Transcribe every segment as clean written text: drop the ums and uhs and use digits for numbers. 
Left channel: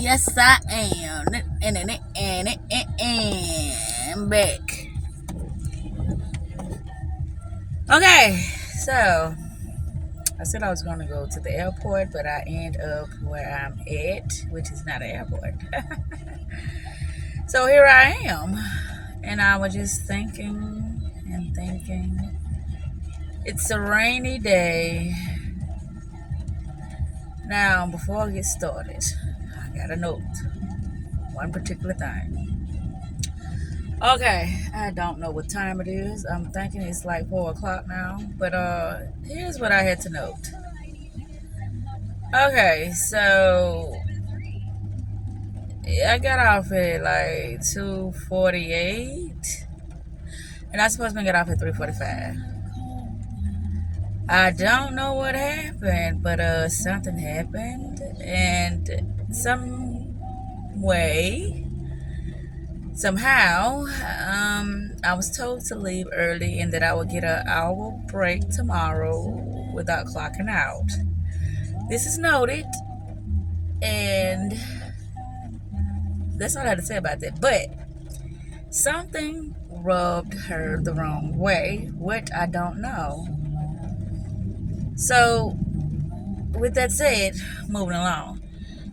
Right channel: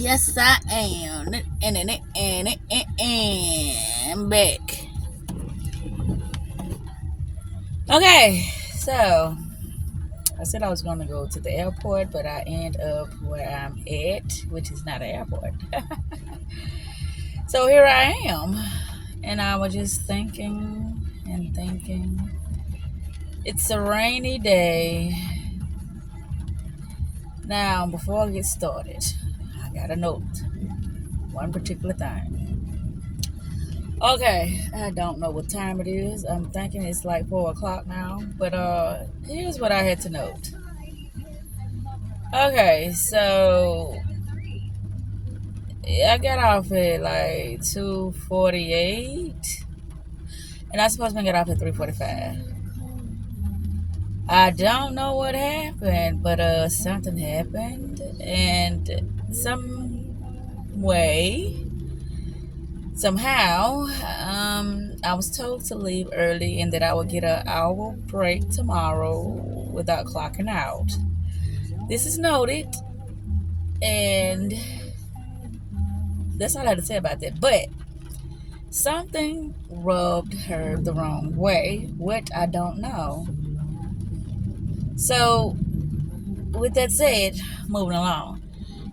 Yes, I am. I'm back. Okay, so I said I was going to go to the airport, but I end up where I'm at, which is not an airport. So here I am, and I was just thinking and thinking. It's a rainy day. Now, before I get started, I got a note. One particular thing. Okay, I don't know what time it is. I'm thinking it's like 4 o'clock now. But here's what I had to note. Okay, so I got off at like 2:48, and I supposed to get off at 3:45. I don't know what happened, but something happened, and somehow, I was told to leave early and that I would get an hour break tomorrow without clocking out. This is noted, and that's all I had to say about that. But something rubbed her the wrong way, which I don't know. So, with that said, moving along.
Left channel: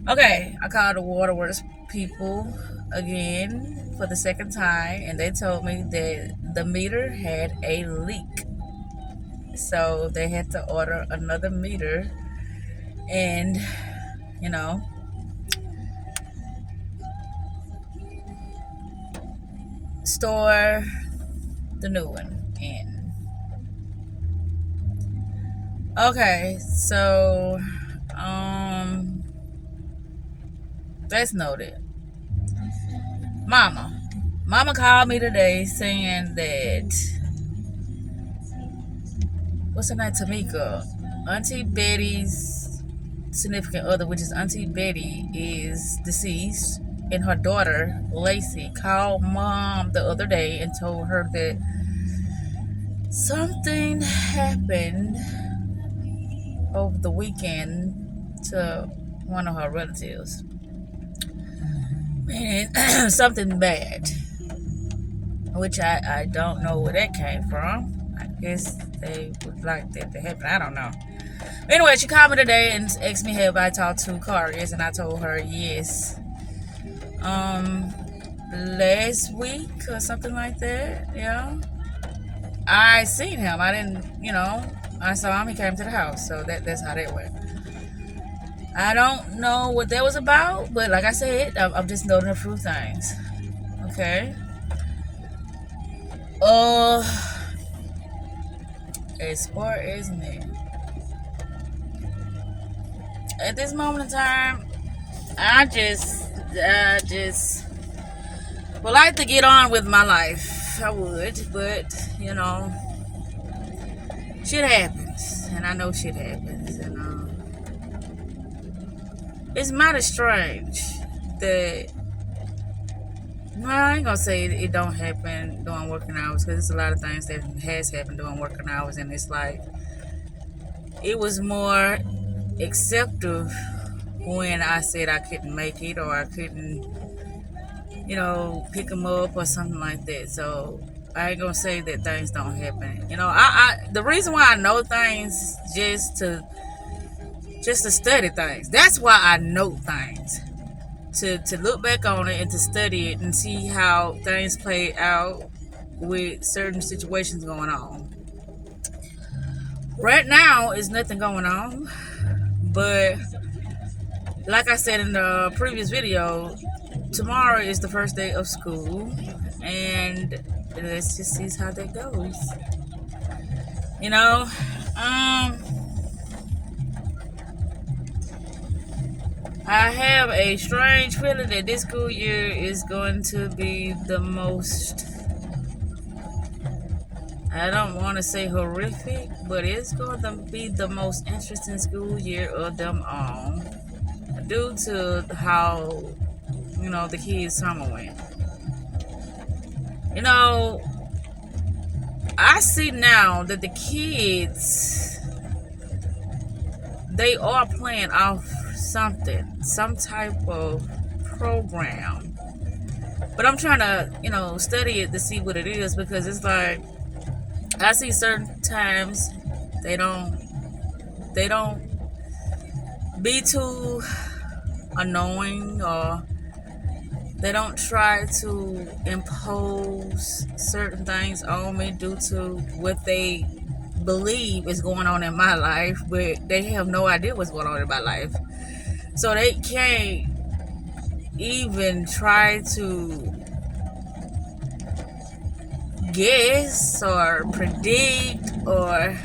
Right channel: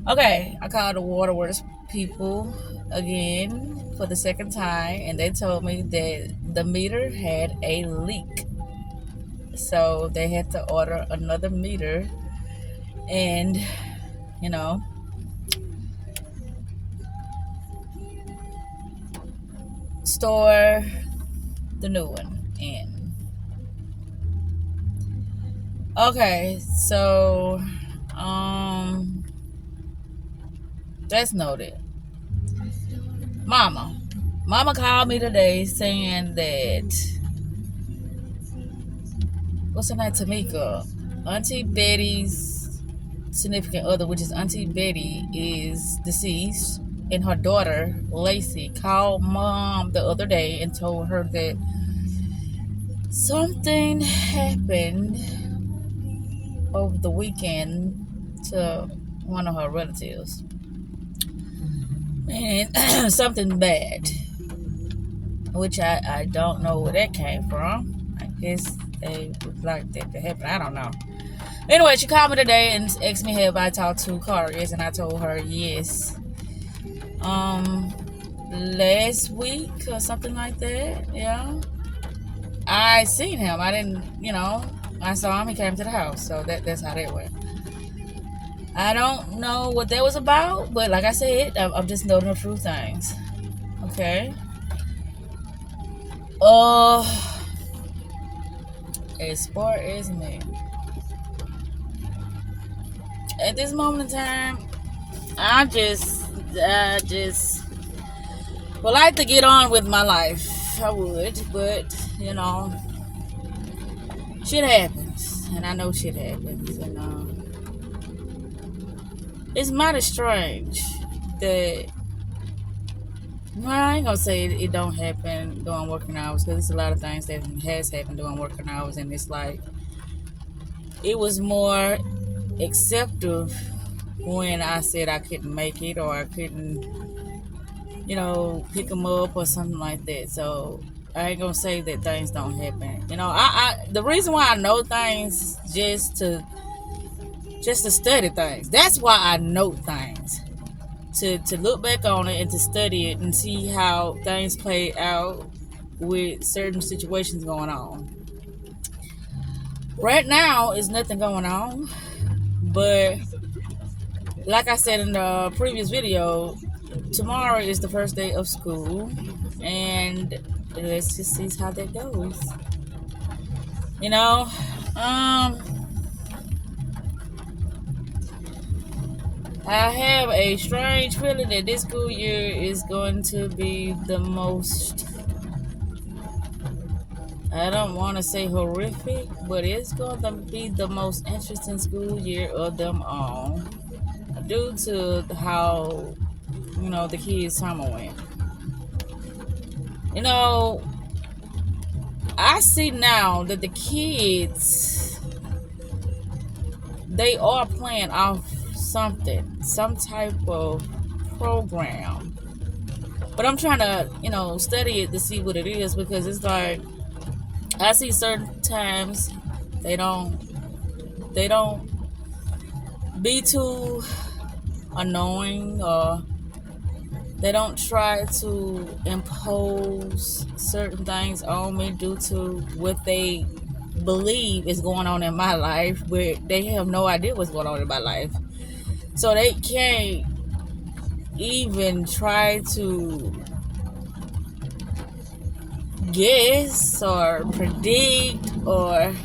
Okay, I called the waterworks people again for the second time, and they told me that the meter had a leak. So they had to order another meter and, store the new one in. Okay, so that's noted. Mama called me today saying that, what's her name, Tamika, Auntie Betty's significant other, which is Auntie Betty, is deceased, and her daughter Lacey called Mom the other day and told her that something happened over the weekend to one of her relatives. And something bad, which I don't know where that came from. I guess they would like that to happen. I don't know. Anyway, she called me today and asked me have I talked to Cargis, and I told her yes. Last week or something like that, yeah. I seen him. I didn't, I saw him. He came to the house, so that's how that went. I don't know what that was about, but like I said, I'm just noting a few things. Okay. As far as me, at this moment in time, I just would like to get on with my life. I would, but shit happens, and I know shit happens, and it's mighty strange that. No, I ain't gonna say it don't happen during working hours, because there's a lot of things that has happened during working hours, and it's like it was more acceptive when I said I couldn't make it or I couldn't, pick them up or something like that. So I ain't gonna say that things don't happen. The reason why I know things just to study things. That's why I know things. To look back on it and to study it and see how things play out with certain situations going on. Right now, is nothing going on, but like I said in the previous video, tomorrow is the first day of school, and let's just see how that goes. I have a strange feeling that this school year is going to be the most, I don't want to say horrific, but it's going to be the most interesting school year of them all, due to how, the kids' summer went. I see now that the kids, they are playing off something, some type of program. But I'm trying to, you know, study it to see what it is, because it's like I see certain times they don't be too annoying, or they don't try to impose certain things on me due to what they believe is going on in my life, but they have no idea what's going on in my life. So they can't even try to guess or predict or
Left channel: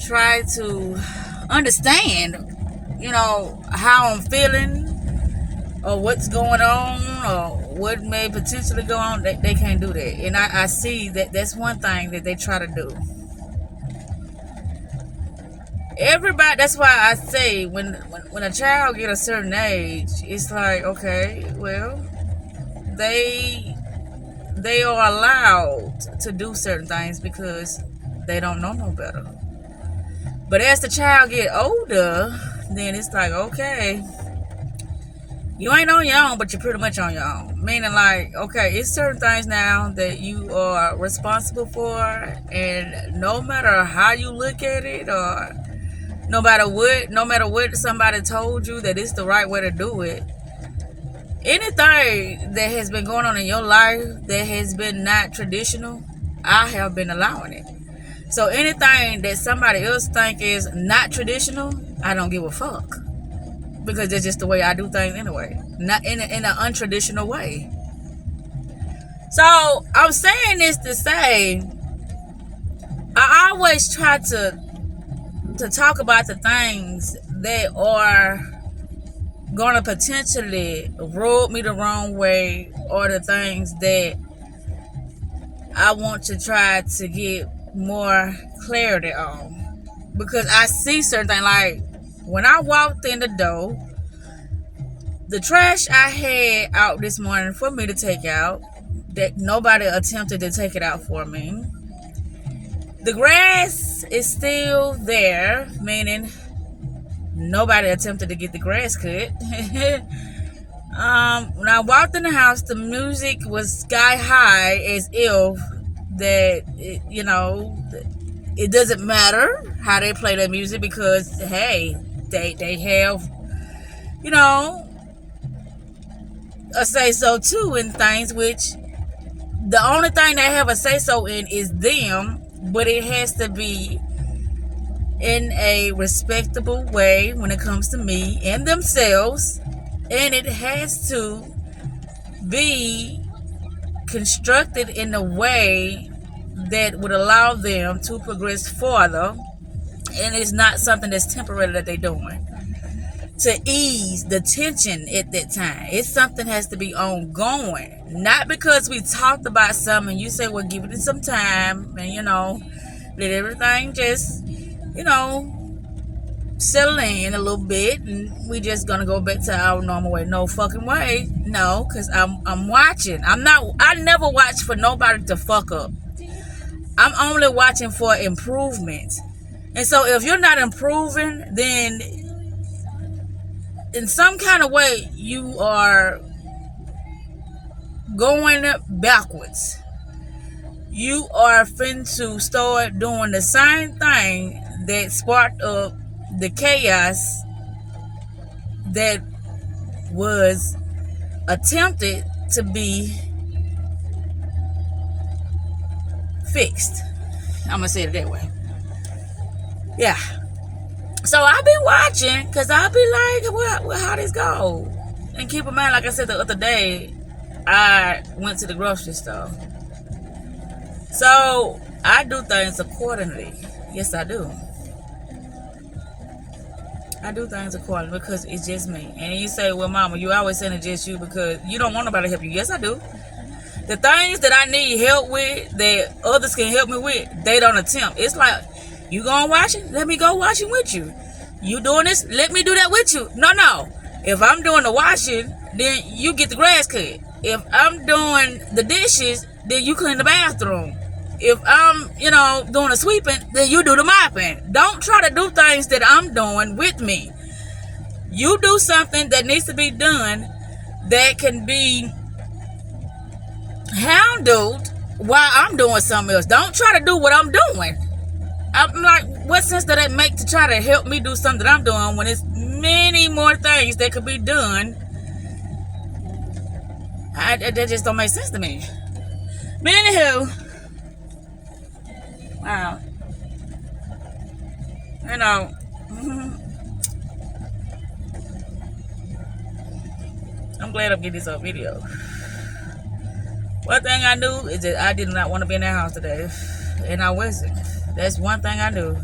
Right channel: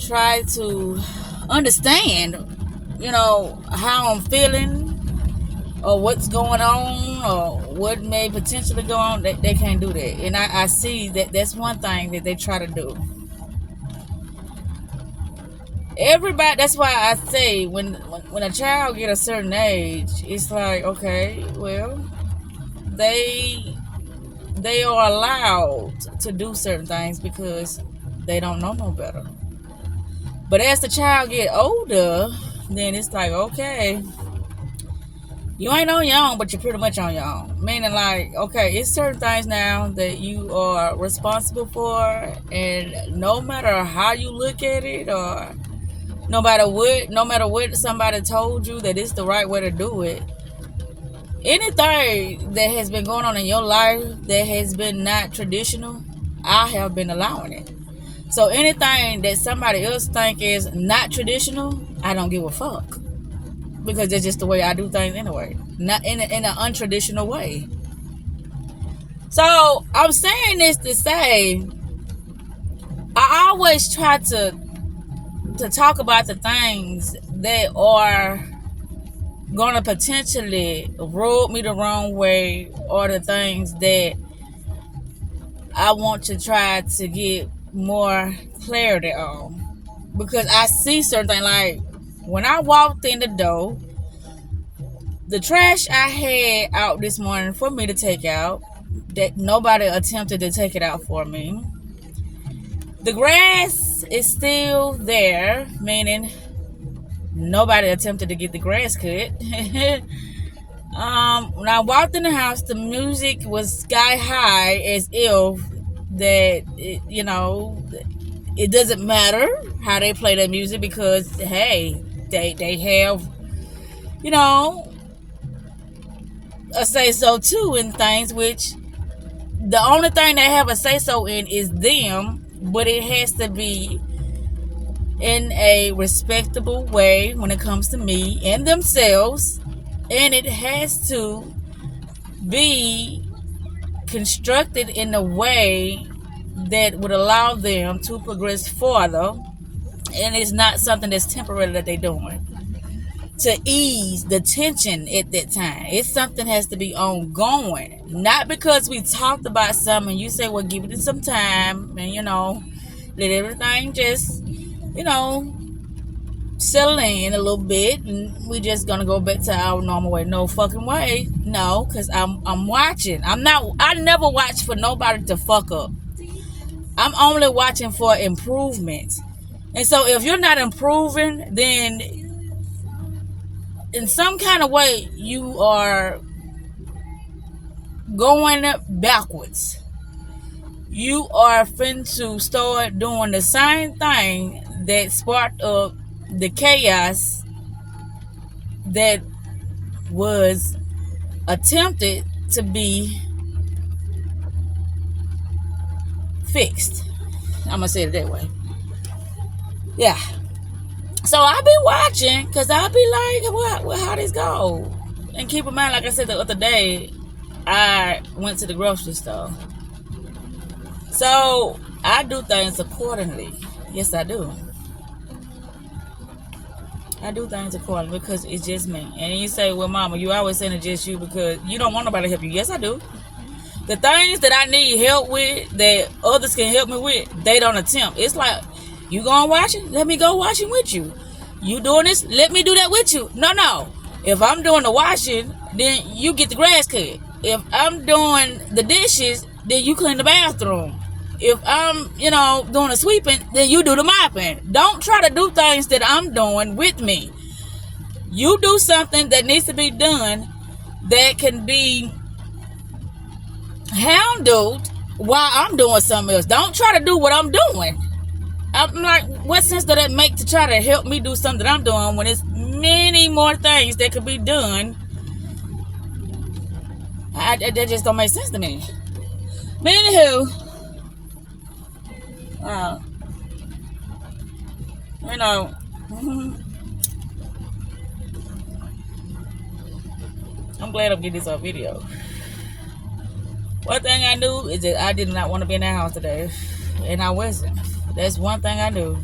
try to understand, you know, how I'm feeling or what's going on or what may potentially go on. They can't do that. And I see that that's one thing that they try to do. Everybody, that's why I say when a child get a certain age, it's like, okay, well, they are allowed to do certain things because they don't know no better. But as the child get older, then it's like, okay, you ain't on your own, but you're pretty much on your own. Meaning like, okay, it's certain things now that you are responsible for, and no matter how you look at it, or no matter what somebody told you that it's the right way to do it, anything that has been going on in your life that has been not traditional, I have been allowing it. So anything that somebody else think is not traditional, I don't give a fuck, because that's just the way I do things anyway, not in an untraditional way. So I'm saying this to say, I always try to talk about the things that are gonna potentially rub me the wrong way, or the things that I want to try to get more clarity on. Because I see certain things, like when I walked in the door, the trash I had out this morning for me to take out, that nobody attempted to take it out for me. The grass is still there, meaning nobody attempted to get the grass cut. When I walked in the house, the music was sky high, as if that, you know, it doesn't matter how they play that music, because hey, they have, you know, a say so too in things, which the only thing they have a say so in is them, but it has to be in a respectable way when it comes to me and themselves, and it has to be constructed in a way that would allow them to progress further, and it's not something that's temporary that they're doing to ease the tension at that time. It's something has to be ongoing, not because we talked about something and you say, well, give it some time and, you know, let everything just, you know, settle in a little bit and we just gonna go back to our normal way. No fucking way. No, because I'm watching. I never watch for nobody to fuck up. I'm only watching for improvement. And so if you're not improving, then in some kind of way you are going backwards. You are finna to start doing the same thing that sparked up the chaos that was attempted to be fixed. I'm gonna say it that way. Yeah. So I'll be watching, because I'll be like, what, how this go? And keep in mind, like I said the other day, I went to the grocery store. So I do things accordingly. Yes, I do. I do things accordingly because it's just me. And you say, well, mama, you always saying it's just you because you don't want nobody to help you. Yes, I do. The things that I need help with that others can help me with, they don't attempt. It's like, you going washing? Let me go washing with you. You doing this? Let me do that with you. No. If I'm doing the washing, then you get the grass cut. If I'm doing the dishes, then you clean the bathroom. If I'm, you know, doing the sweeping, then you do the mopping. Don't try to do things that I'm doing with me. You do something that needs to be done that can be handled while I'm doing something else. Don't try to do what I'm doing. I'm like, what sense does that make to try to help me do something that I'm doing when there's many more things that could be done? That just don't make sense to me. But anywho, wow, you know, I'm glad I'm getting this video. One thing I knew is that I did not want to be in that house today, and I wasn't. That's one thing I knew.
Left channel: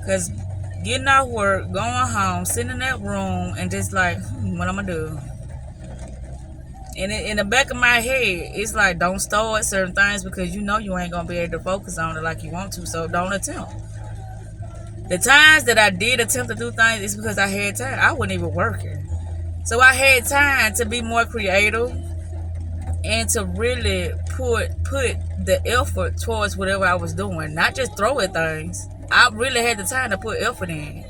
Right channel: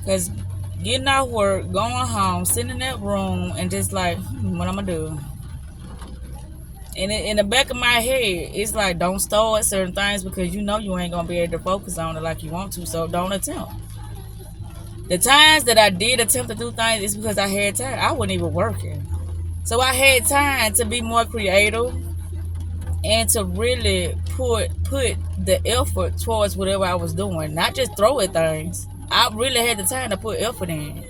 Because getting out work, going home, sitting in that room, and just like, what I'm going to do? And in the back of my head, it's like, don't start certain things because you know you ain't going to be able to focus on it like you want to, so don't attempt. The times that I did attempt to do things is because I had time. I wasn't even working. So I had time to be more creative and to really put the effort towards whatever I was doing. Not just throw at things. I really had the time to put effort in.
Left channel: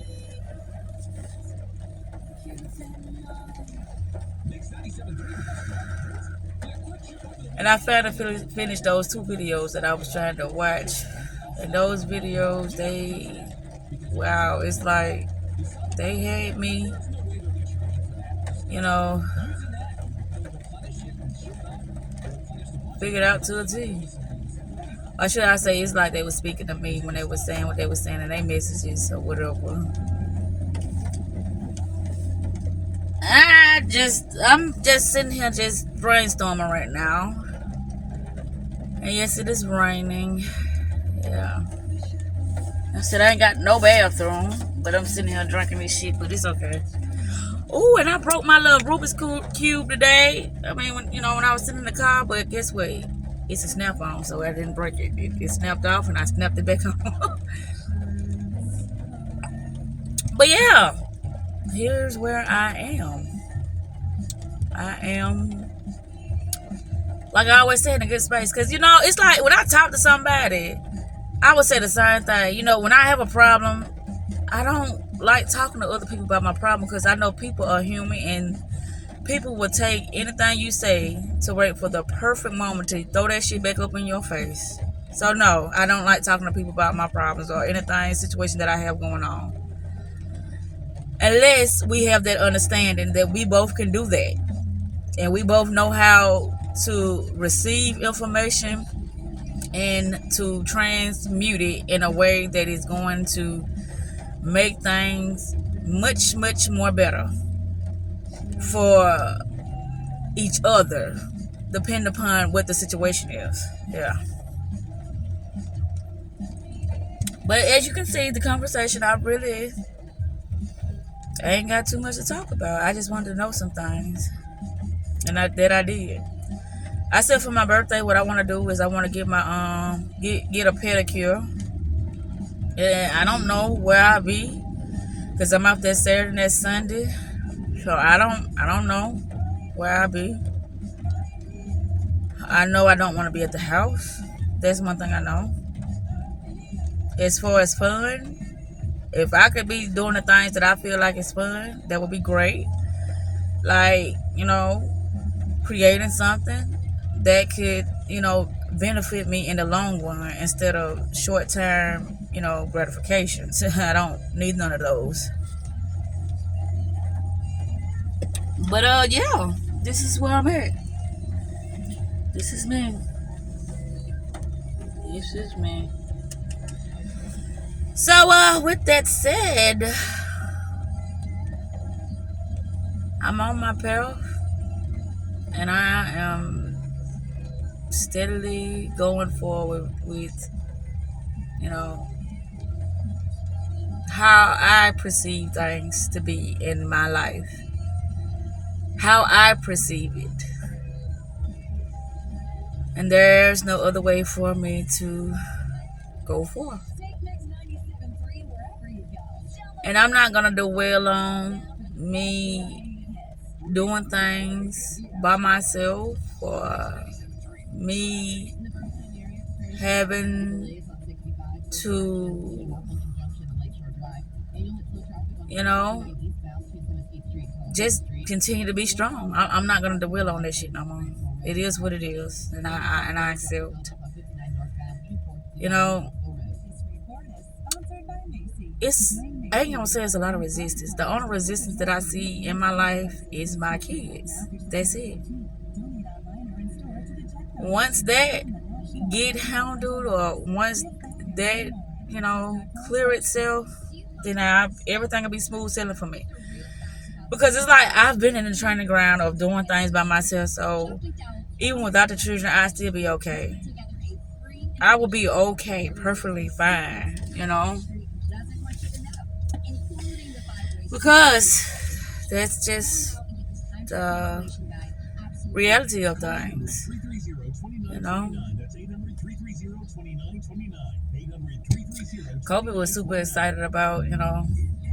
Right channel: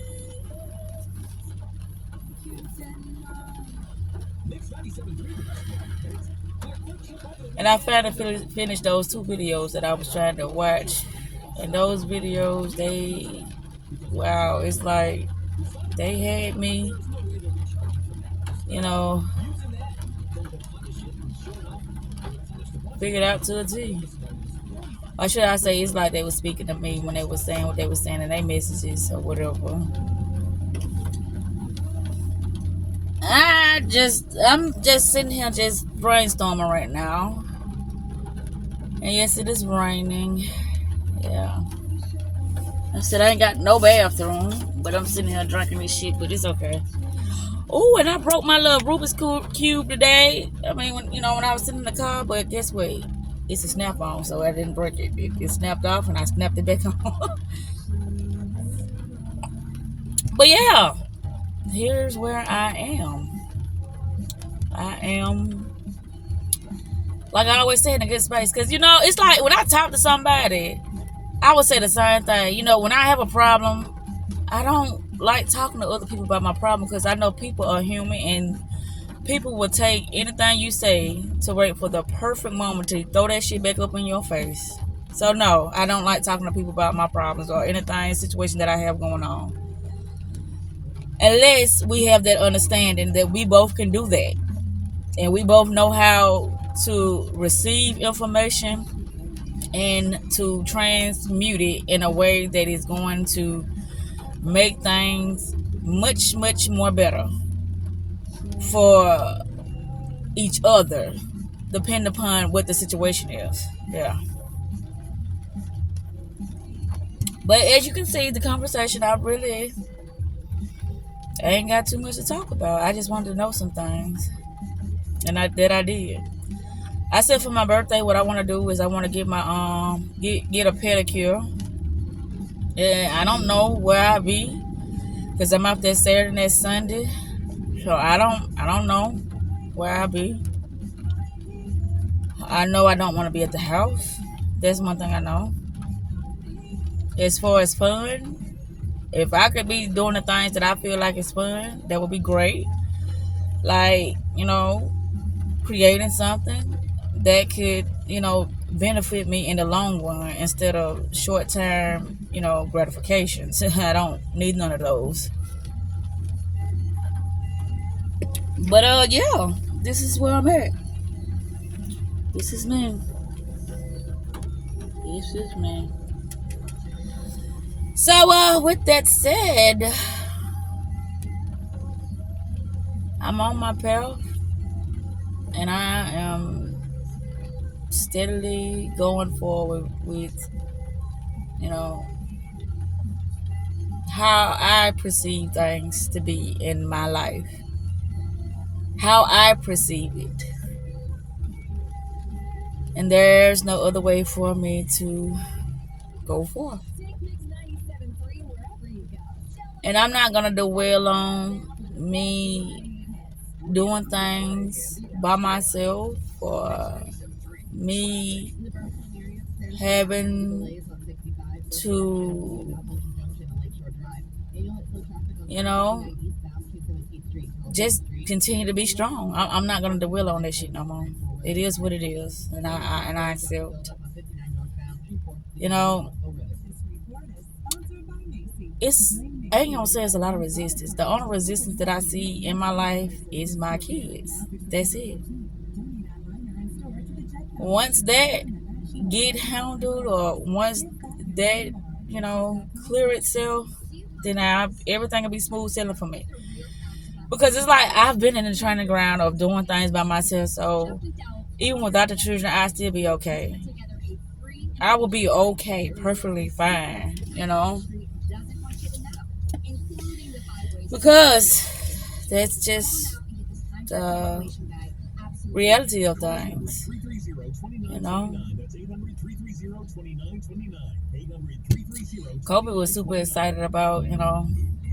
And I finally finished those 2 videos that I was trying to watch. And those videos, wow, it's like they had me, you know, figured out to a T. Or should I say, it's like they were speaking to me when they were saying what they were saying in their messages or whatever. I'm just sitting here just brainstorming right now. And yes, it is raining. Yeah. I said I ain't got no bathroom, but I'm sitting here drinking this shit, but it's okay. Oh, and I broke my little Rubik's Cube today. I mean, when I was sitting in the car, but guess what? It's a snap on, so I didn't break it. It snapped off, and I snapped it back on. But yeah, here's where I am. I am, like I always say, in a good space. Because, it's like when I talk to somebody, I would say the same thing. When I have a problem, I don't like talking to other people about my problem because I know people are human and people will take anything you say to wait for the perfect moment to throw that shit back up in your face. So no, I don't like talking to people about my problems or anything, situation that I have going on. Unless we have that understanding that we both can do that. And we both know how to receive information and to transmute it in a way that is going to make things much, much more better for each other, depending upon what the situation is. Yeah. But as you can see, the conversation, I ain't got too much to talk about. I just wanted to know some things. And I did. I said for my birthday, what I want to do is I want to get my get a pedicure. And I don't know where I'll be because I'm out there Saturday and Sunday. So I don't know where I'll be. I know I don't want to be at the house. That's one thing I know. As far as fun, if I could be doing the things that I feel like is fun, that would be great. Like, creating something that could, benefit me in the long run instead of short-term, gratifications. I don't need none of those. But yeah, this is where I'm at. This is me. This is me. So with that said, I'm on my path. And I am steadily going forward with, how I perceive things to be in my life. How I perceive it. And there's no other way for me to go forth. And I'm not going to dwell on me doing things by myself or me having to, just continue to be strong. I'm not gonna dwell on that shit no more. It is what it is, and I accept. You know, it's I ain't gonna say it's a lot of resistance. The only resistance that I see in my life is my kids. That's it. Once that get handled, or once that clear itself, then everything will be smooth sailing for me. Because it's like I've been in the training ground of doing things by myself, so even without the children, I still be okay. I will be okay, perfectly fine, because that's just the reality of things, Kobe was super excited about,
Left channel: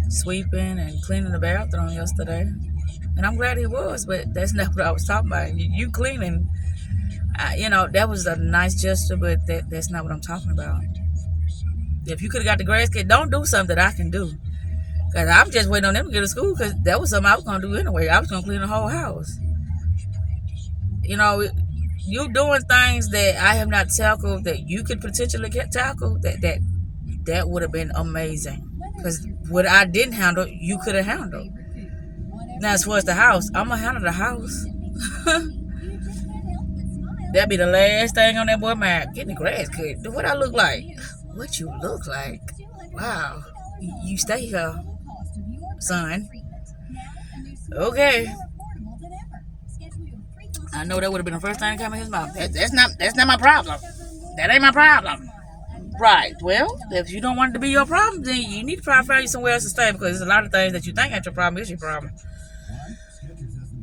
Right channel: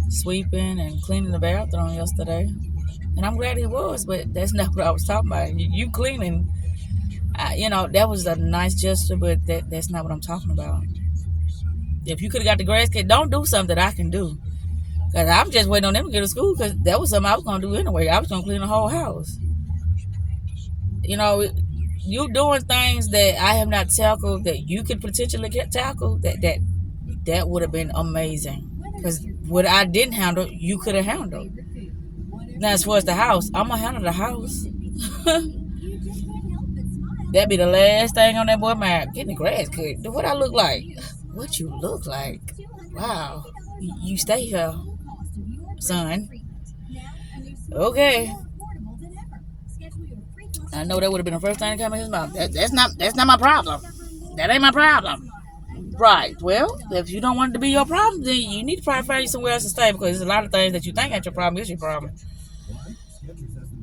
sweeping and cleaning the bathroom yesterday. And I'm glad he was, but that's not what I was talking about. You cleaning, that was a nice gesture, but that's not what I'm talking about. If you could have got the grass cut, don't do something that I can do. Because I'm just waiting on them to get to school, because that was something I was going to do anyway. I was going to clean the whole house. You doing things that I have not tackled that you could potentially tackle, that would have been amazing. Because what I didn't handle, you could have handled. Now, as far as the house, I'm going to handle the house. That'd be the last thing on that boy mind. Getting the grass cut. What I look like? What you look like? Wow. You stay here, son. Okay. I know that would have been the first thing that came in his mouth. That's not my problem. That ain't my problem. Right. Well, if you don't want it to be your problem, then you need to probably find somewhere else to stay, because there's a lot of things that you think ain't your problem is your problem.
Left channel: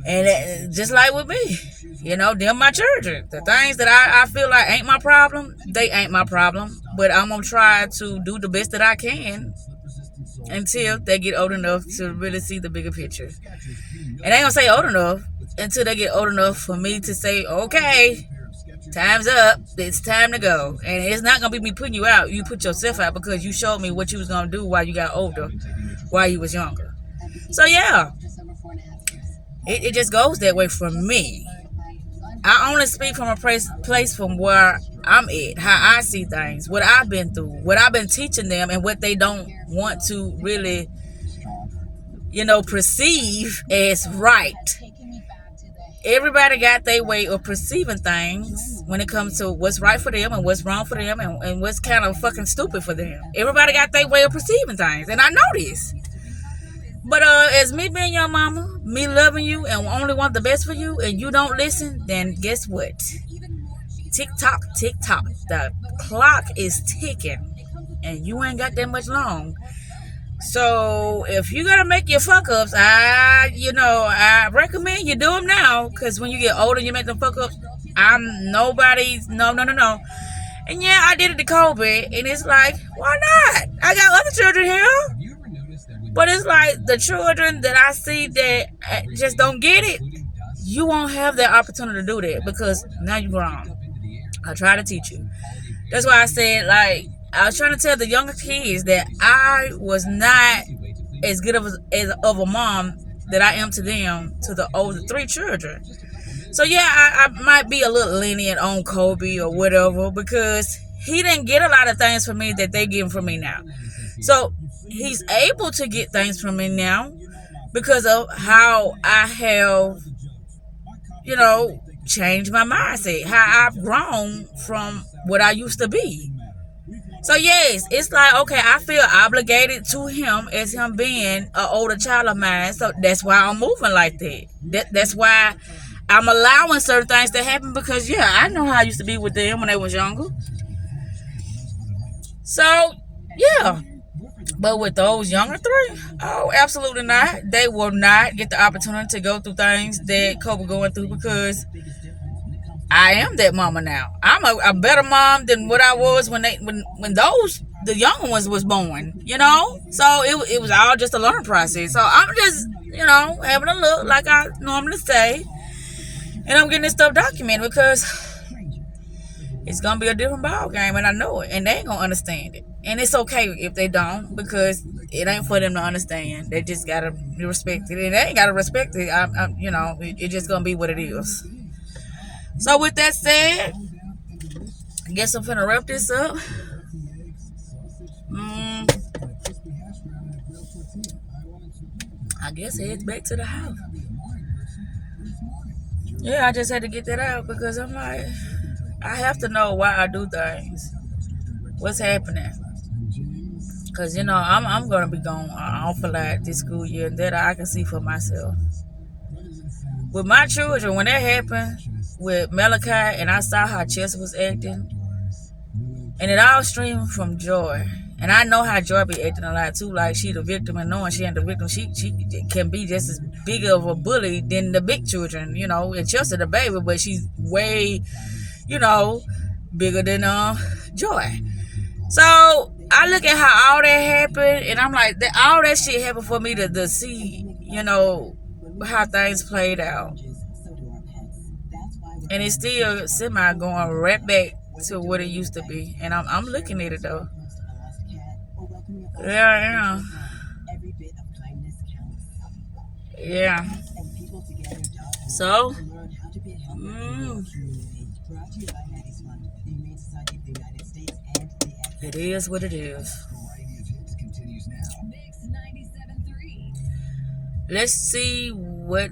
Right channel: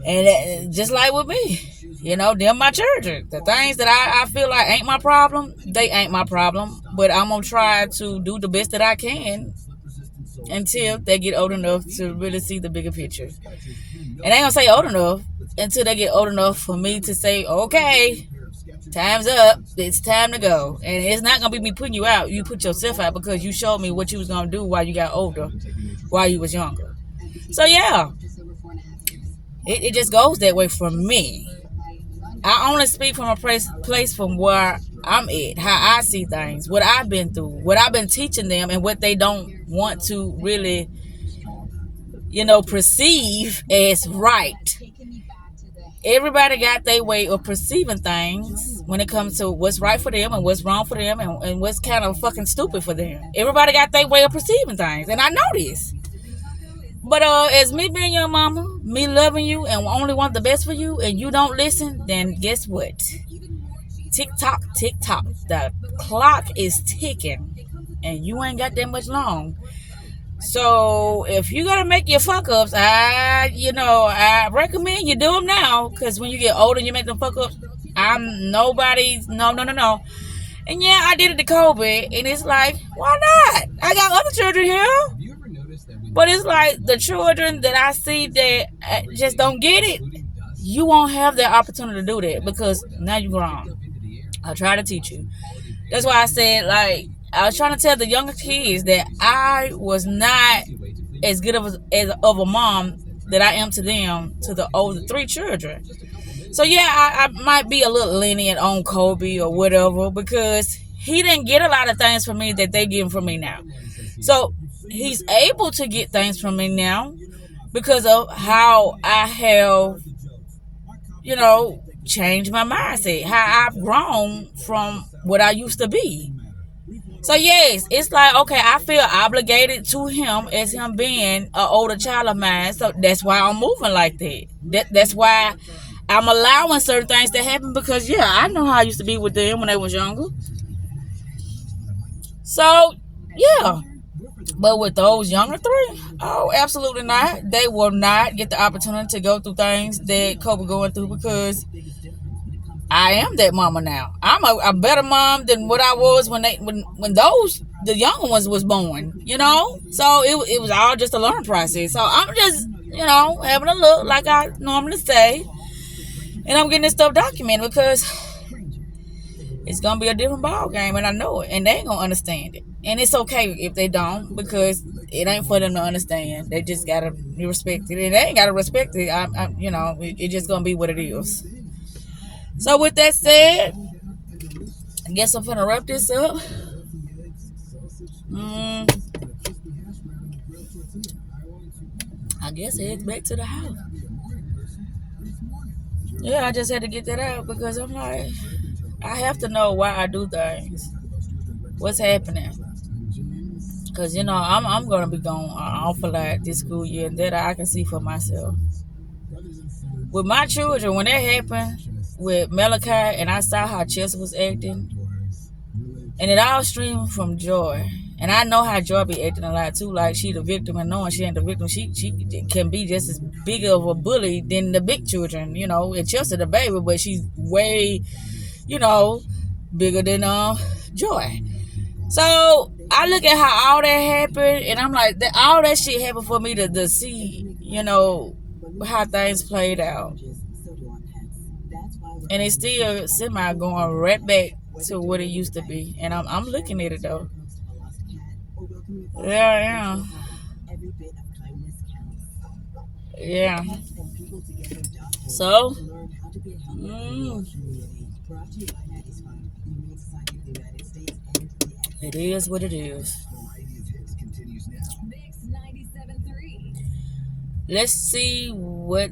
And just like with me, them my children. The things that I feel like ain't my problem, they ain't my problem. But I'm going to try to do the best that I can until they get old enough to really see the bigger picture. And I ain't going to say old enough until they get old enough for me to say, okay, time's up. It's time to go. And it's not going to be me putting you out. You put yourself out because you showed me what you was going to do while you got older, while you was younger. So, yeah, it just goes that way for me. I only speak from a place from where I'm at, how I see things, what I've been through, what I've been teaching them, and what they don't want to really, perceive as right. Everybody got their way of perceiving things when it comes to what's right for them and what's wrong for them and what's kind of fucking stupid for them. Everybody got their way of perceiving things, and I know this. But as me being your mama, me loving you and only want the best for you, and you don't listen, then guess what? Tick tock, the clock is ticking, and you ain't got that much long. So if you gotta make your fuck ups, I recommend you do them now, because when you get older, you make them fuck ups. I'm nobody's no. And yeah, I did it to Kobe, and it's like, why not? I got other children here. But it's like the children that I see that just don't get it, you won't have that opportunity to do that, because now you're grown. I try to teach you. That's why I said, like, I was trying to tell the younger kids that I was not as good of a mom that I am to them, to the older 3 children. So yeah, I might be a little lenient on Kobe or whatever, because he didn't get a lot of things from me that they getting from me now. So he's able to get things from me now because of how I have, changed my mindset, how I've grown from what I used to be. So yes, it's like, okay, I feel obligated to him as him being an older child of mine. So that's why I'm moving like that. That's why I'm allowing certain things to happen, because yeah, I know how I used to be with them when they was younger. So yeah. But with those younger 3, oh, absolutely not. They will not get the opportunity to go through things that Kobe going through, because I am that mama now. I'm a better mom than what I was when the younger ones was born, So it was all just a learning process. So I'm just, having a look like I normally say, and I'm getting this stuff documented, because it's gonna be a different ball game, and I know it, and they ain't gonna understand it. And it's okay if they don't, because it ain't for them to understand. They just gotta respect it, and they ain't gotta respect it. It just gonna be what it is. So with that said, I guess I'm finna wrap this up. I guess head back to the house. Yeah, I just had to get that out because I'm like, I have to know why I do things. What's happening? Because, I'm going to be going off a lot this school year, and that I can see for myself. With my children, when that happened with Malachi, and I saw how Chelsea was acting, and it all streamed from Joy. And I know how Joy be acting a lot too. Like, she the victim, and knowing she ain't the victim, she can be just as big of a bully than the big children, and Chelsea the baby, but she's way, bigger than Joy. So I look at how all that happened, and I'm like, all that shit happened for me to see, how things played out. And it's still semi going right back to what it used to be. And I'm looking at it though. Yeah. Yeah. So, it is what it is. Let's see what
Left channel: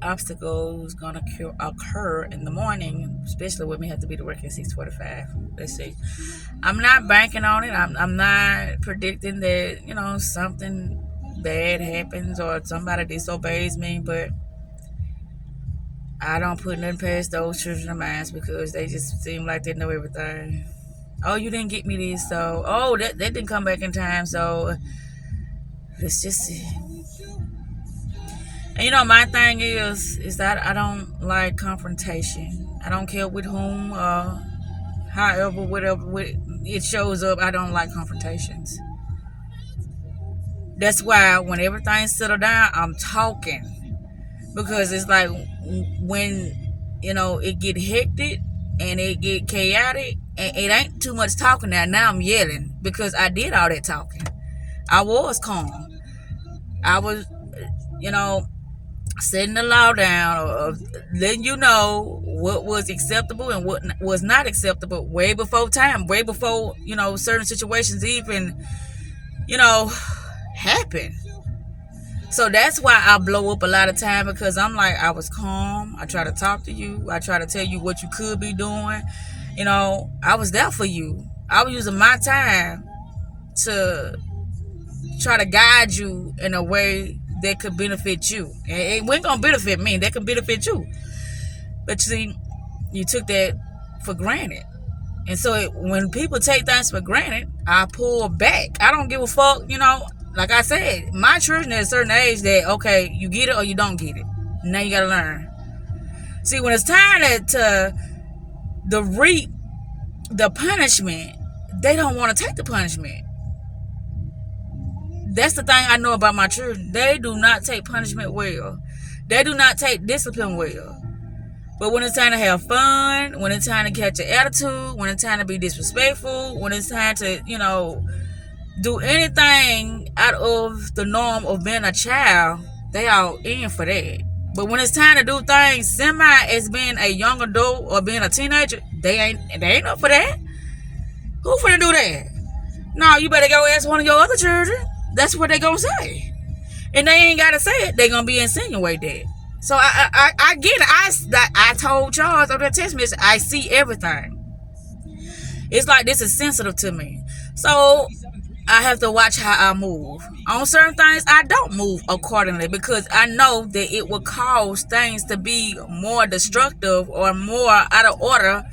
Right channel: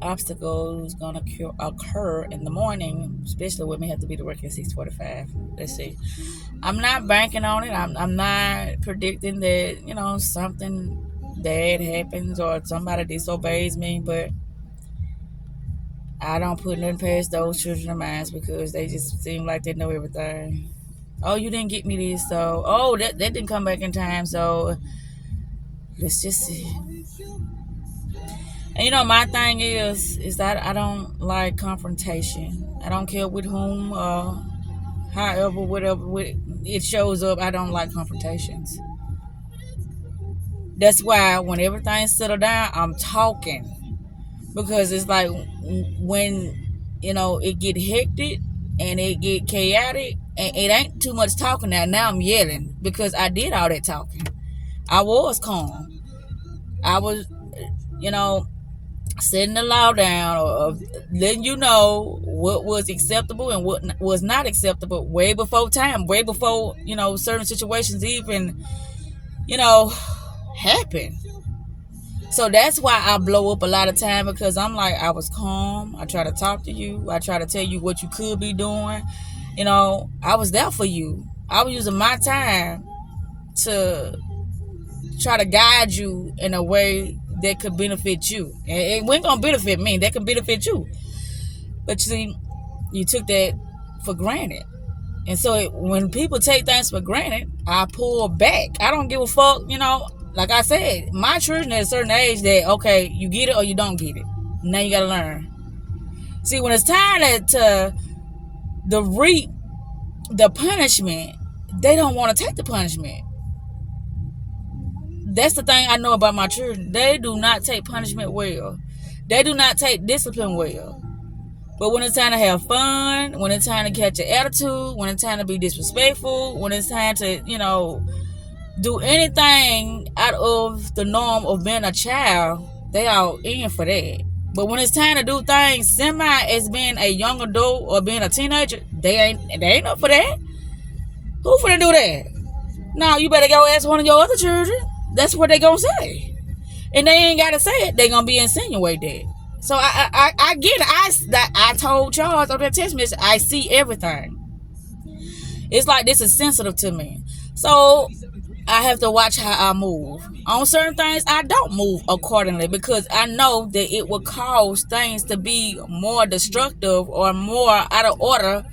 obstacles gonna occur in the morning, especially when we have to be to work at 6:45. Let's see. I'm not banking on it. I'm not predicting that something bad happens or somebody disobeys me, but I don't put nothing past those children of mine because they just seem like they know everything. Oh, you didn't get me this, so that didn't come back in time, so let's just see. And my thing is that I don't like confrontation. I don't care with whom, however, whatever it shows up. I don't like confrontations. That's why when everything's settled down, I'm talking, because it's like when it get hectic and it get chaotic, and it ain't too much talking now I'm yelling because I did all that talking. I was calm. I was setting the law down, or letting you know what was acceptable and what was not acceptable way before time, way before certain situations even happen. So that's why I blow up a lot of time, because I'm like, I was calm. I try to talk to you. I try to tell you what you could be doing. I was there for you. I was using my time to try to guide you in a way that could benefit you. It wasn't gonna benefit me. That could benefit you. But see, you took that for granted. And so when people take things for granted, I pull back. I don't give a fuck, Like I said, my children at a certain age that, okay, you get it or you don't get it. Now you gotta learn. See, when it's time to reap the punishment, they don't want to take the punishment. That's the thing I know about my children. They do not take punishment well. They do not take discipline well. But when it's time to have fun, when it's time to catch an attitude, when it's time to be disrespectful, when it's time to, do anything out of the norm of being a child, they all in for that. But when it's time to do things semi as being a young adult or being a teenager, they ain't up for that. Who finna do that? No, you better go ask one of your other children. That's what they gonna say. And they ain't gotta say it. They gonna be insinuated. So I get it. I told Charles on that text message, I see everything. It's like this is sensitive to me. So I have to watch how I move. On certain things, I don't move accordingly because I know that it will cause things to be more destructive or more out of order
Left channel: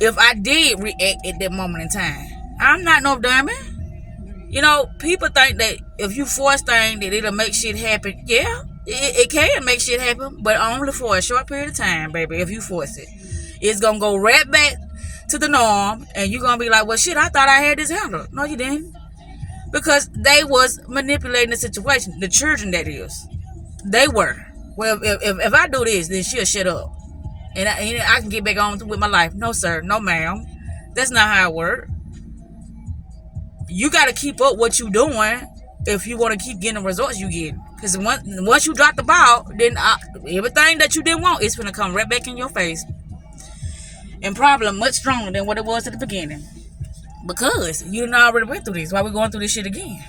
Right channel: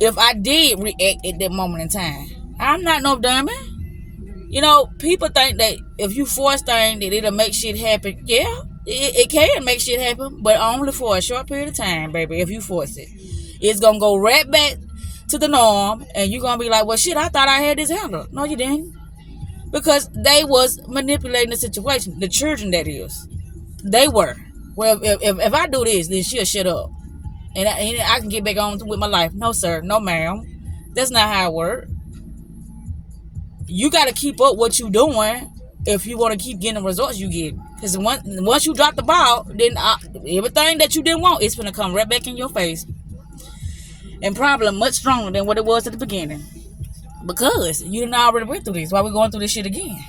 if I did react at that moment in time. I'm not no dummy. People think that if you force things that it'll make shit happen. Yeah, it can make shit happen, but only for a short period of time, baby, if you force it. It's going to go right back to the norm, and you're going to be like, well, shit, I thought I had this handled. No, you didn't. Because they was manipulating the situation. The children, that is. They were. Well, if I do this, then she'll shut up. And I can get back on with my life. No, sir. No, ma'am. That's not how it works. you got to keep up what you doing if you want to keep getting the results you get. Because once you drop the ball, then everything that you didn't want is going to come right back in your face. And probably much stronger than what it was at the beginning. Because you done already went through this. Why we going through this shit again?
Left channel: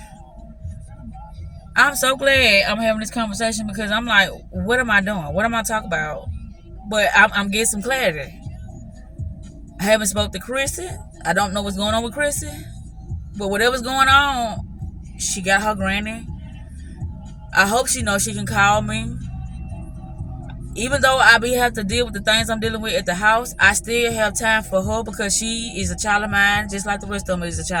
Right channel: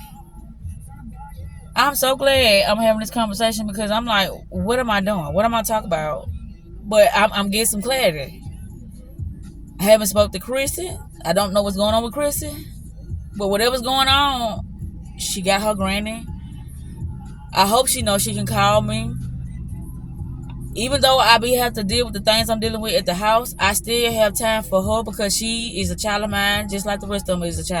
I'm so glad I'm having this conversation because I'm like, what am I doing? What am I talking about? But I'm getting some clarity. I haven't spoke to Chrissy. I don't know what's going on with Chrissy. But whatever's going on, she got her granny. I hope she knows she can call me. Even though I have to deal with the things I'm dealing with at the house, I still have time for her because she is a child of mine, just like the rest of them is a child of mine.